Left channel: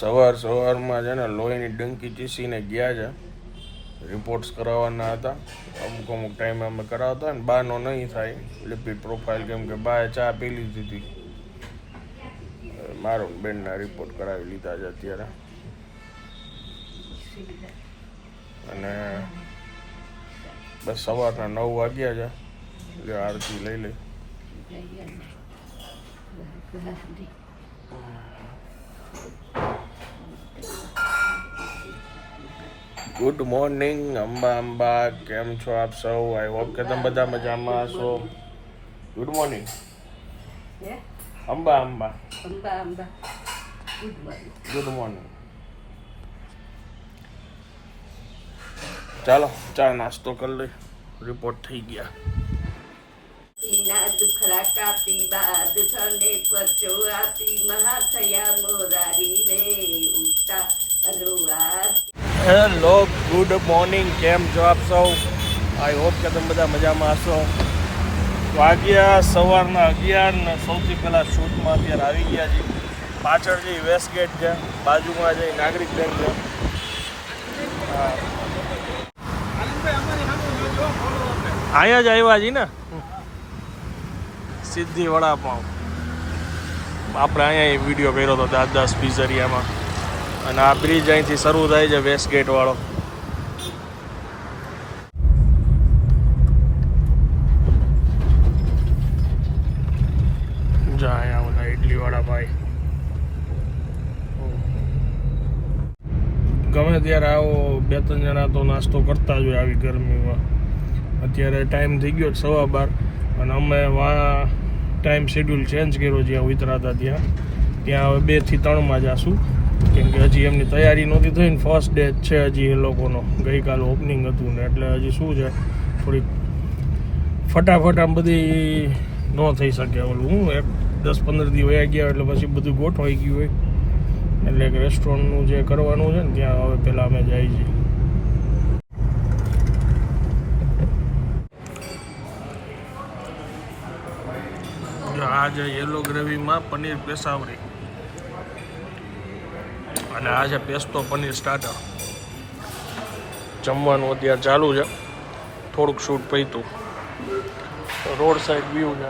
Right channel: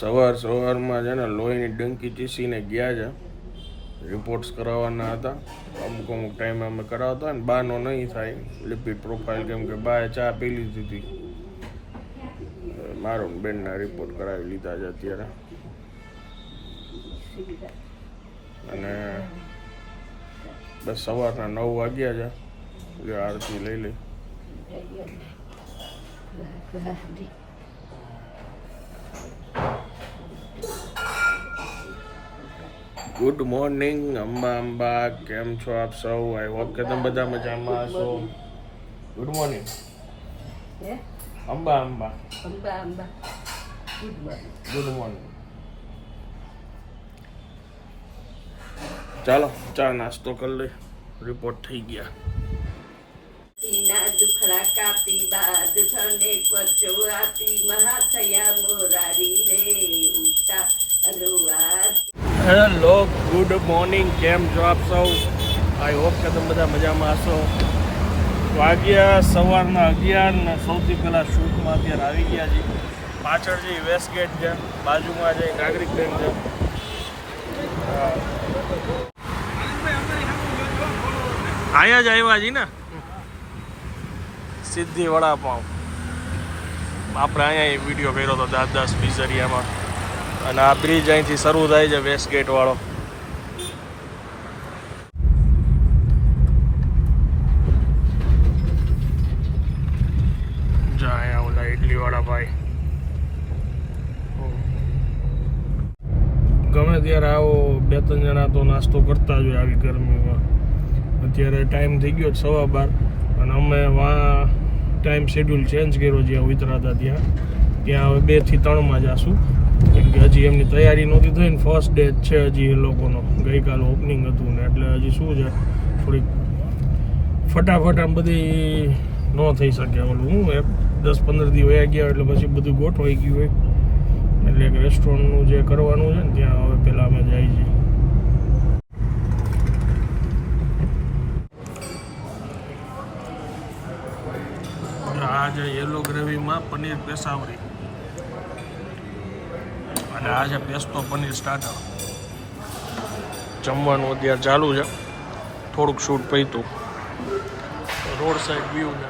સવારમાં છે ને લોહીની ડંકી ચીસીને ગયા છે. રિપોર્ટ્સ કરાવવાના હતા. અમુક ટાઈમે અમે કરાવતા ને બાનો નહીં થાય લિપિડ પ્રોફાઇલ, કેમ કે બાએ ચા પી લીધી હતી. મારો બેનના રિપોર્ટ કરાવી લીધા છે અત્યારે. અને બસ સવારના 9 વાગ્યા છે. એટલે આરતી લઈ લઈ. ગુડ મોર્નિંગ અંબા, કેમ છો આપ સૌ? આઈ હોપ કે તમે બધા મજામાં છો. Good morning Amba. Good morning. ચાલો ચા નાસ્તો કરી લઈ. રિપોર્ટ થઈ ગયા. દુખડા કાપી બાદ થને પચો આપી મહા થયા મોરારી રે ઉઠતા અનુવાર. હેલો, ગુડ મોર્નિંગ, કેમ છો આપ સૌ? આઈ હોપ કે તમે બધા મજામાં હશો. વાગ્યા સવારના 11 ને સૌથી પહેલાં શૂટમાં અત્યારે આવી ગયા છીએ. પાછળ જે વેસ્ટ ગેટ છે, બાજુમાં જે નાગરિક બેંક છે. અહીંયા જ આવ્યા છીએ ને, સિદ્ધિ વડાપાઉં. આપણે અહીંયા વિડીયો કર્યો હતો દાદાસ પિઝરિયામાં. અને આ બ્રિજ અહીંથી શરૂ થાય છે, વેસ્ટ ગેટ વાળો. જા અહીંયા ઓલા ઇડલી વાળા ભાઈ. ગમે ત્યારે આવો 2-3 જણા તો નાસ્તો કરતા જ હોય આવી ગરમીમાં. અત્યારે ટાઈમ થઈ ગયો 12:15 અને અમે ટાઈમ શેડ્યુલ ચેન્જ કર્યો. જ્યાં ઉતરાતા ત્યાં હવે 2 થી 3 જઈશું. કેમ કે હજી એમની તૈયારી નહોતી થઈ ને, ફર્સ્ટ ડે જ છે હજી એ લોકોનો. ગઈકાલે ઓપનિંગ હતું ને, એટલે હજી શું છે થોડીક ફટાફટ આમ બધી ન થઈ શકે. ઓલું હું 10-15 દી વયા ગયા એટલે પછી બધું ગોઠવાઈ ગયું હોય. એટલે કે રેસ્ટોરન્ટનું જે કરવાનું છે ને ત્યાં હવે પહેલાં અમે જઈએ છીએ. આજે યેલો ગ્રેવીમાં પનીર પેશાવરી અને આ છે પેસ્તો પનીર સ્ટાર્ટર. જમવાનું અત્યારે ચાલુ છે. થોડુંક શૂટ પૈતું. રોડ સાઈડ વ્યૂ છે.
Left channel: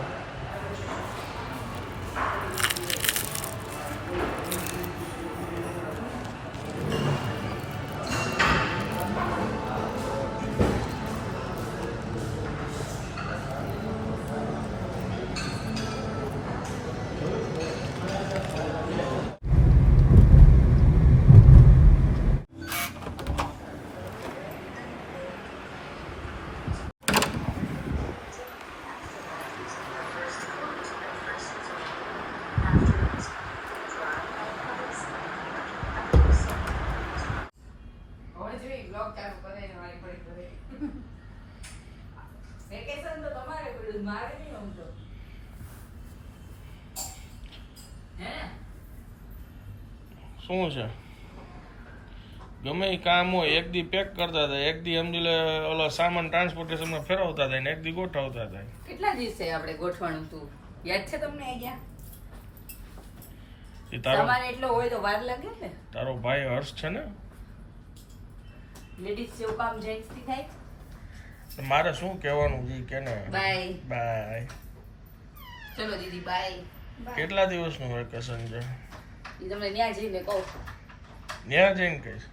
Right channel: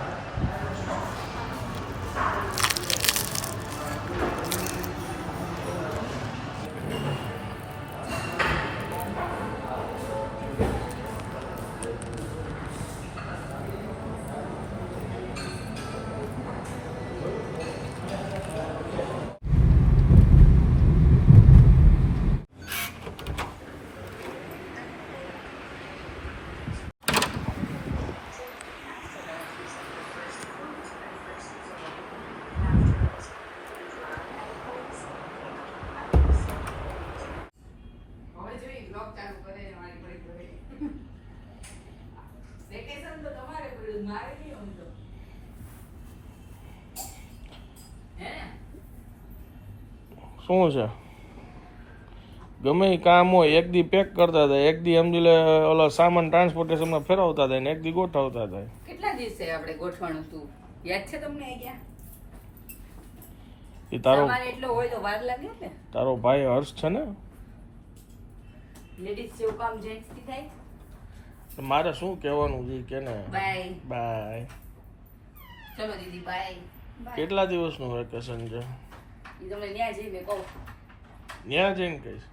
શું છે? ગમે એ કામ હોય, એક દી પેક કરતા હતા, એક દી સમજી લે ઓલો સામાન ટ્રાન્સપોર્ટેશનમાં ફેરવતા થાય ને એક દી ગોઠવતા થાય. કેટલા દિવસે આપણે ગોઠવાનું હતું યાદ છે તમને? અહીંયા એ તારો એટલો હોય તો વાર લાગે ને. તારો ભાઈ હર્ષ છે ને, લેડીઝ જેવું કામ જેન્ટ્સ થી થાય. મારે શું કહેવાનું છે કે ને? Bye bye. ચલો દીદી બાય. કેટલા દિવસનું વેકેશન છે? એ તમને ન્યા જઈને કહું. ત્યાં જઈને કહીશ.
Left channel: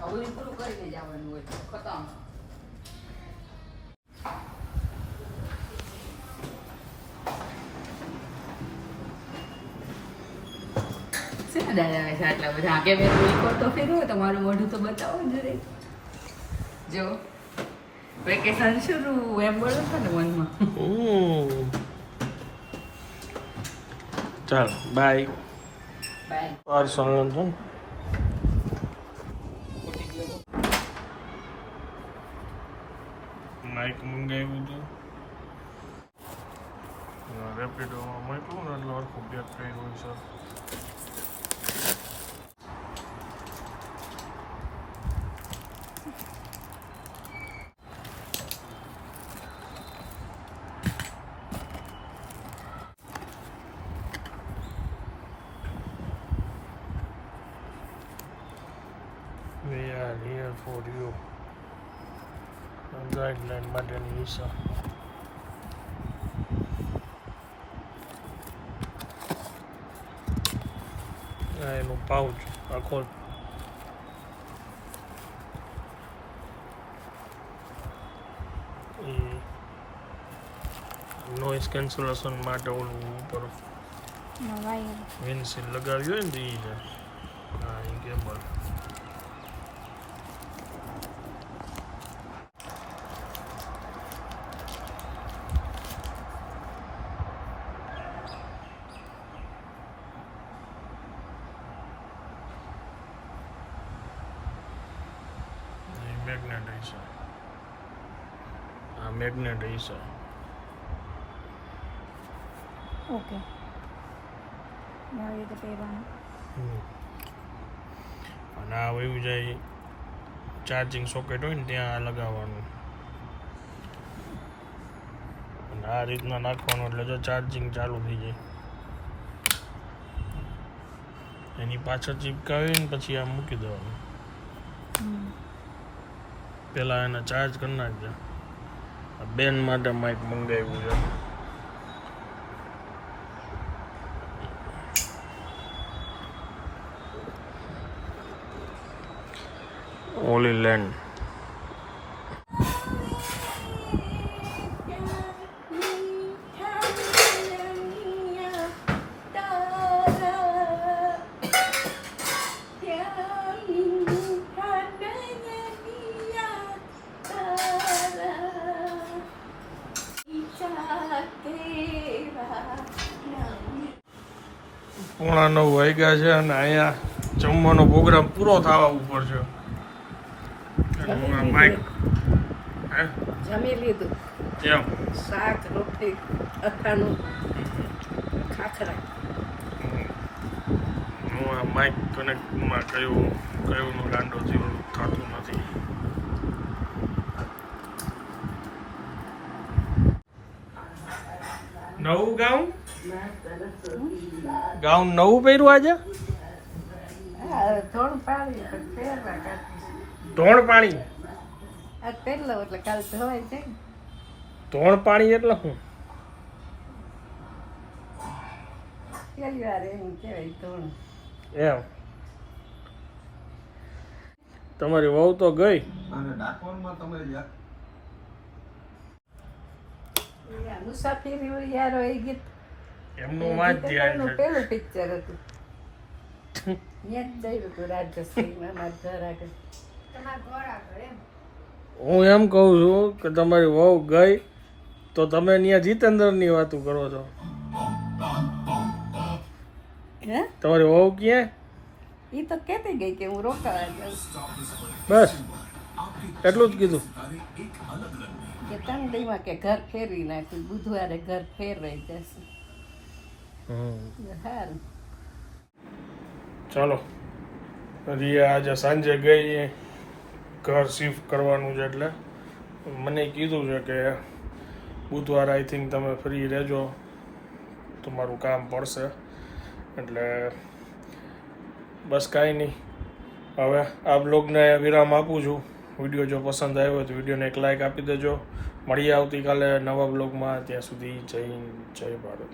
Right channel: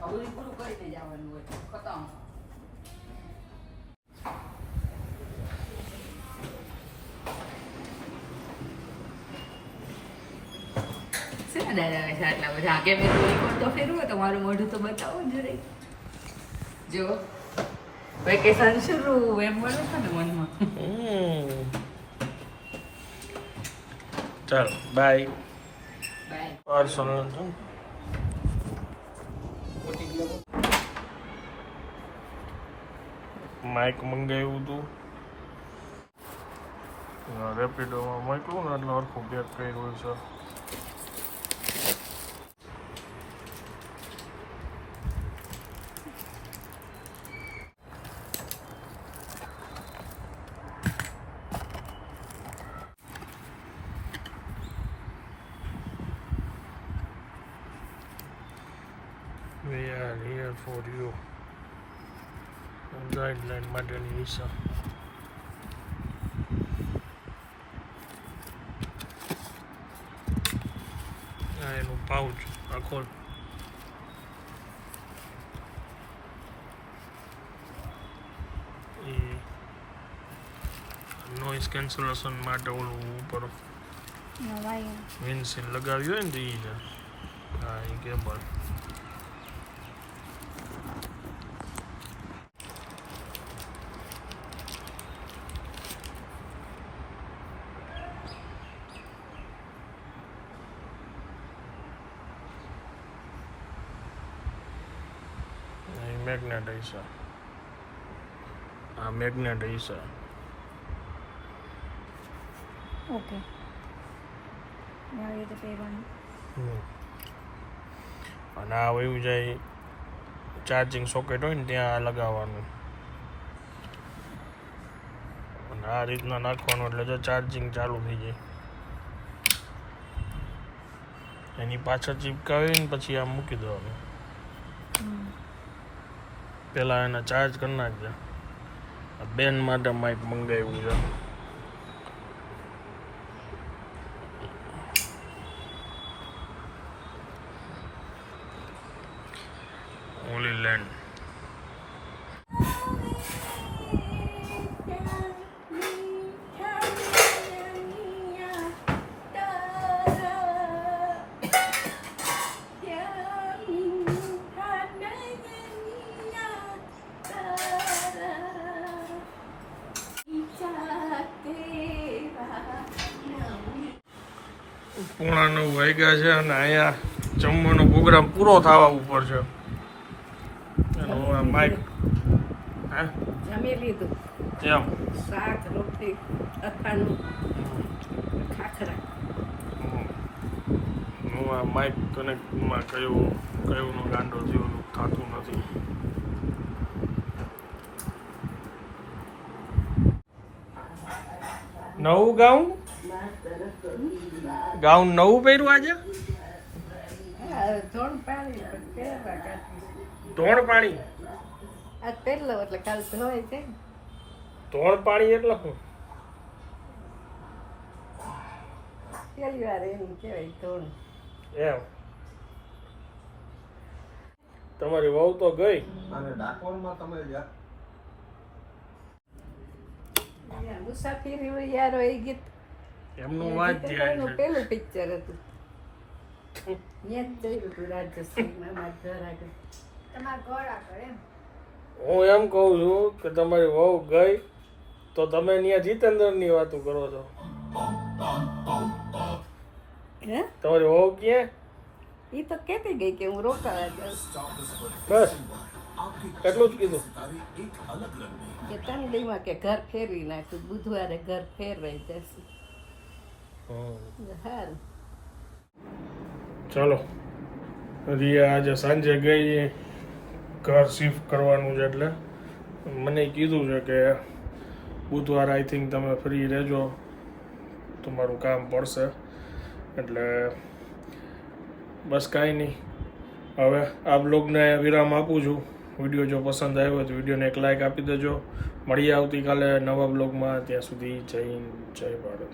હવે પૂરું કરીને જવાનું હોય ખતમ. દાદા છે આટલા બધા આગે મેં કોઈ તો ફેરવો તમારું મોઢું તો બતાવો જરે. જો વેકેશન શરૂ એમ બોલો છો ને મનમાં. ચાલો બાય. બાય. પાર્સલ છે માઇક મંગાવ્યું હતું. રેપિડોમાં મોકલું ને એટલે હરખું પેક કર્યું હોય sir. Here for you guideline માટેની વિસા. આ એનું પાઉચ આખો નોઇઝ કેન્સલેશન માટે ઓલું ઉપર વિન્ડશીલ્ડ લગાવ્યું હોય ને તો એ છે. હા એ કેબલ. મેગ્નેટ હશે. આ મેગ્નેટ હશે. ઓકે હવે તો પહેરવાનું. અને આ વયું જાય ચાર્જિંગ સોકેટ હોય ને ત્યાં લગાવવાનું. અને આ રીતના નાખવાનું એટલે જો ચાર્જિંગ ચાલુ થઈ જાય. એની પાછળ ચીપકાવીને પછી આમ મૂકી દેવાનું. પેલા એને ચાર્જ કરી નાખજે. બેન માટે માઇક મંગાવ્યું છે. ઓલી લેન્ડ. પોણા 9 વાગ્યા છે અને અહીંયા જમવાનો પ્રોગ્રામ પૂરો થવા ઉપર છે. માઇક જમી લીધું. એમ શાક રોટલી અથાણું ખાખરા. હું આ માઇક કનેક્ટમાં કયુંનો ગાંડો થયો થતું નથી. નવું ગાઉન નવું પહેર્યું આજે. થોડું પાણી પહેરવા ધોણ પાણી. આજ પહેરલો એટલે કાલ ધોવાય જાય. ધોણ પાણી એટલે શું? પહેલી વાર એમ કહેવાય ધોણ. એમ તમારી વહુ તો ગઈ. અને ડાકોરમાં તમે મુસાફરી હોય યાર એ ગીત એમનું વાત ધ્યાન છે. પેલું પિક્ચર હતું. ત્યાં જ જઈ હતું રાજ્યશ્રીના ઘર આગળ. હું એમ કહું છું કે તમારી વહુ ગઈ તો તમે ત્યાં જીતેન્દ્રની વાતો કરો છો. હે તમારી વહુ ક્યાં? એ તો કહેતી ગઈ કે હું રોકાવા જાઉં. બસ એટલું જ કીધું. કે ત્રણ દીમાં કે ઘર ફેરવી નાખ્યું. બુધવારે ઘર ફેરવાઈ જશે. સારું ચાલો રિયા આજે સાંજે ગઈ ઘર શિફ્ટ કરવાનું છે એટલે મને કીધું છે કે બુધવાર આઈ થિંક તમે ફ્રી રહેજો, તમારું કામ પડશે એટલે બસ કાંઈ નહીં. હવે આ બ્લોગને વિરામ આપું છું. વિડીયો જો પસંદ આવ્યો હોય તો વિડીયોને એક લાઇક આપી દેજો. મળીએ આવતીકાલે નવા બ્લોગમાં. ત્યાં સુધી જય ભારત.